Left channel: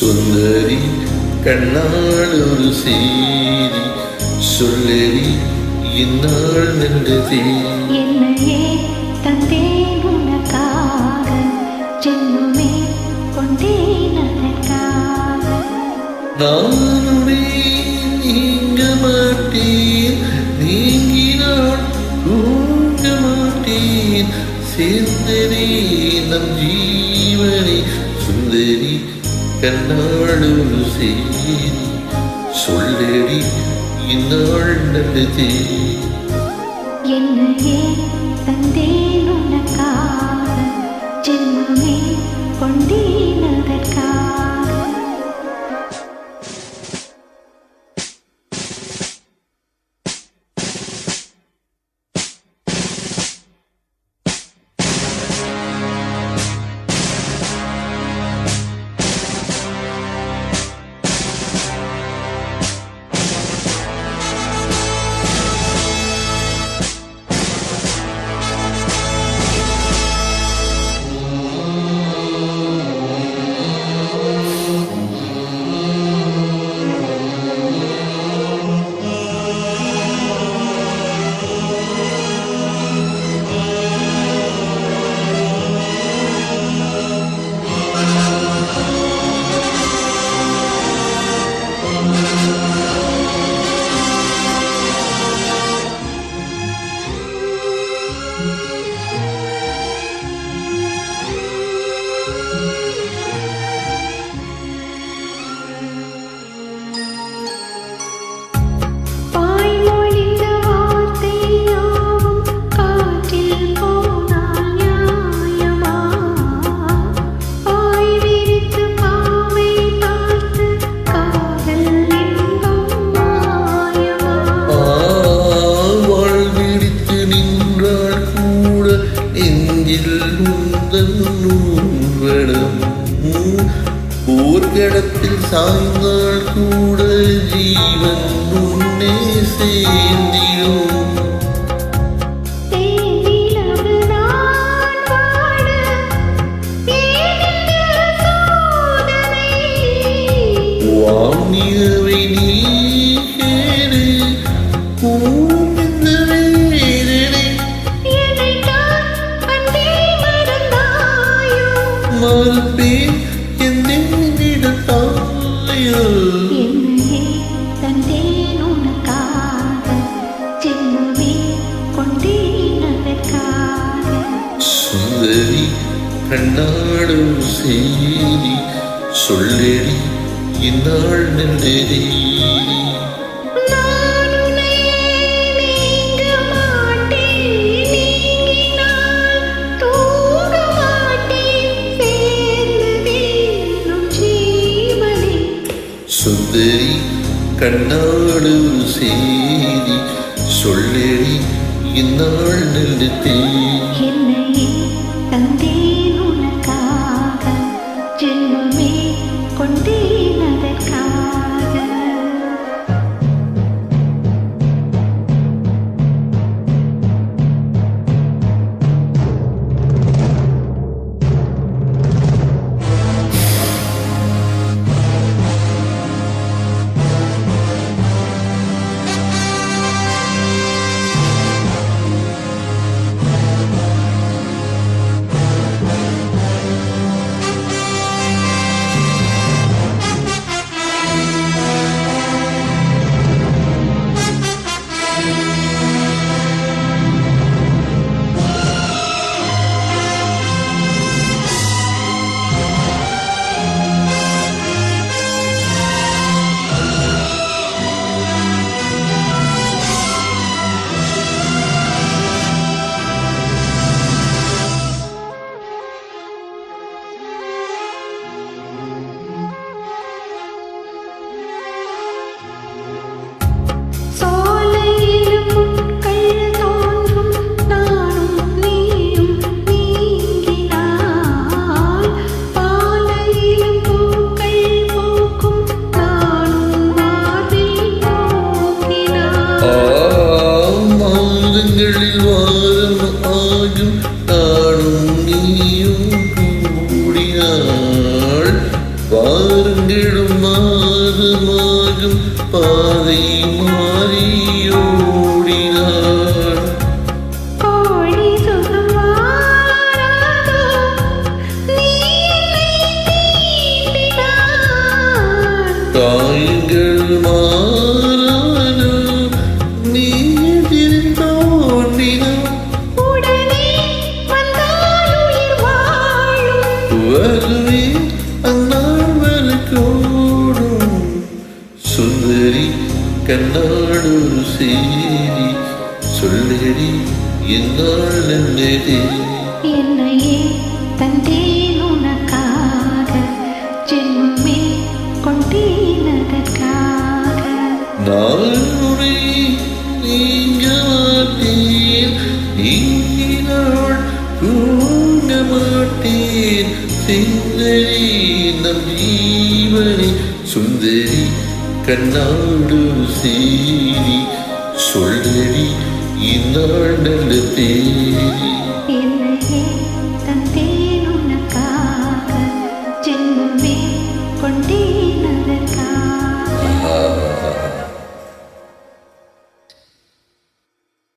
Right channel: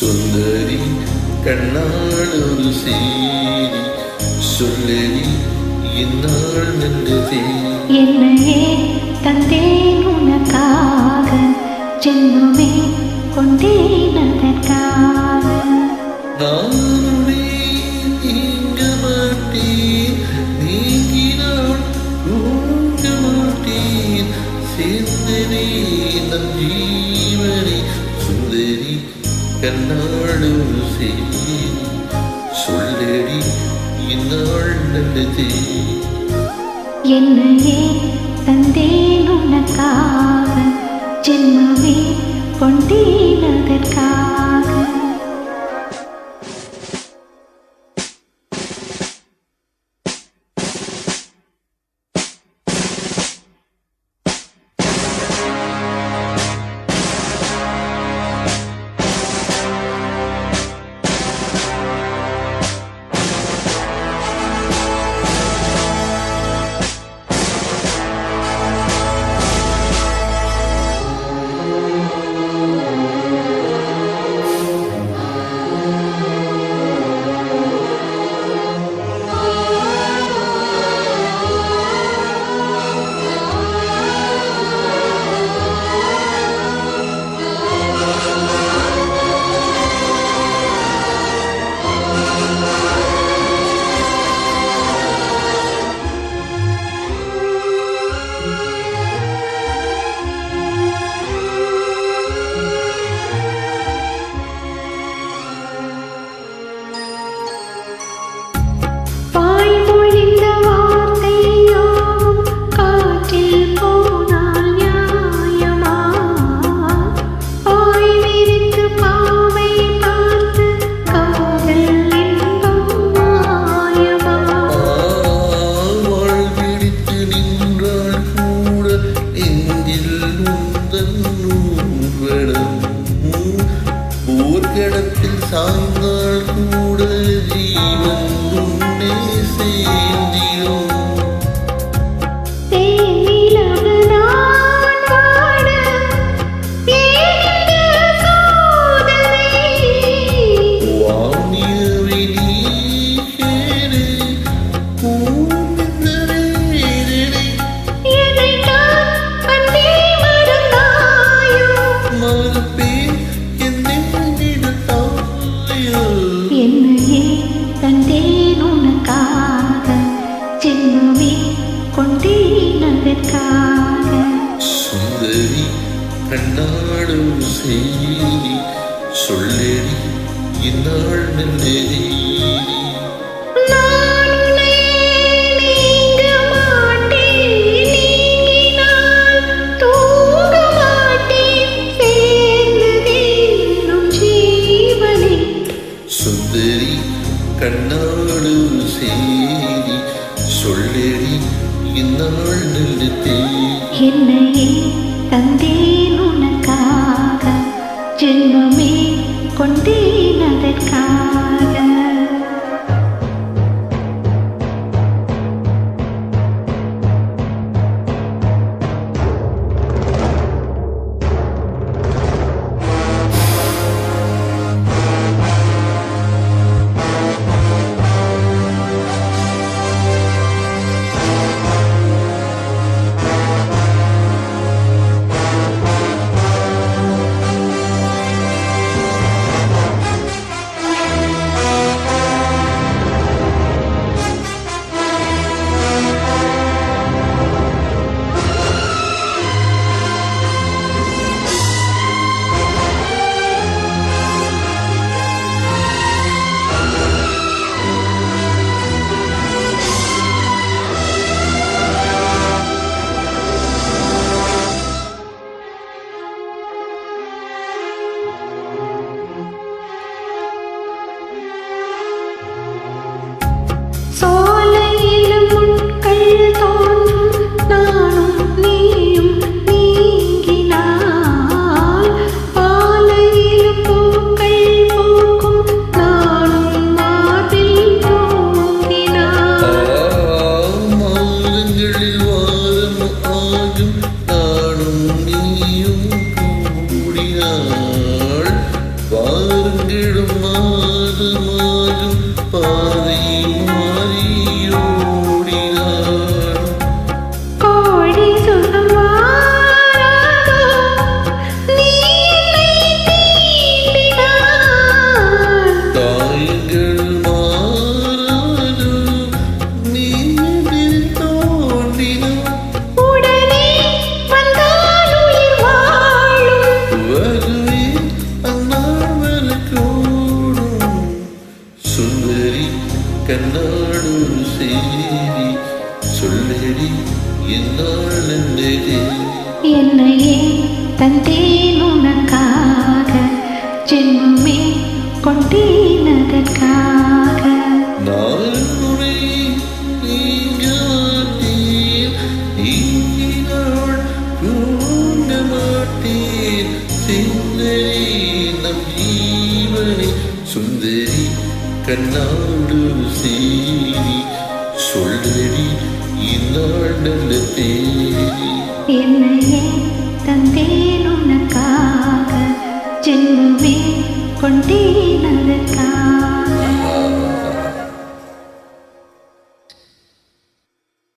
சுந்தரி கண்ணால் ஒரு செய்தி சொல்லடி என்னால் நல்லதே. என்னையே தந்தேன் உனக்காக, ஜென்மமே கொண்டேன் அதற்காக. நானுடைய நீங்க மாட்டேன், நீங்கினால் தூங்க மாட்டேன். சேர்ந்ததே நம் ஜீவனை சுந்தரி கண்ணால் ஒரு செய்தி சொல்லடி இந்நாள் நல்லதே. என்னையே தந்தேன் உனக்காக, ஜென்மமே கொண்டேன் அதற்காக. போர்க்களத்தில் சாய்ந்தால் கூட ஜீவன் உன்னே சேர்ந்திடும். வானியவை நீ கேடு இந்த வேதனை மறுப்பேன் என்னையே தந்தேன் உனக்காக, ஜென்மமே கொண்டேன் அதற்காக. சுந்தரி கண்ணாடும் செய்தி சொல்லடி இந்நாள் நல்லதே. சுந்தரி கண்ணாடு செய்தி சொல்லடி இந்நாள் நல்லதே. என்னையே தந்தேன் உனக்காக, ஜென்மமே கொண்டேன் அதற்காக. வாருங்களும் மாதமாகும் பாதை மாறியோடினார். கோடி சுகம் வாராதோ நீ என்னை தீண்டினாய். காயங்கள் மாறாதோ நீ எதிரில் தோன்றினார். உடனே வந்தால் உயிர் வாழும். வருவே அந்நாள் வரக்கூடும். சுந்தரி கண்ணாடு செய்தி சொல்லடி இந்நாள் என்னதே. என்னையே தந்தேன் உனக்காக ஜென்மமே கொண்டேனதற்காக. நான் உரை நீங்க மாட்டேன் நீங்கினாள் தூங்க மாட்டேன். சுந்தரி நம் ஜீவனை சுந்தரி கண்ணாடு செய்தி சொல்லடி இந்நாள் நல்ல தேதி. என்னையே தந்தேன் உனக்காக ஜென்மமே கொண்டேனதற்காக.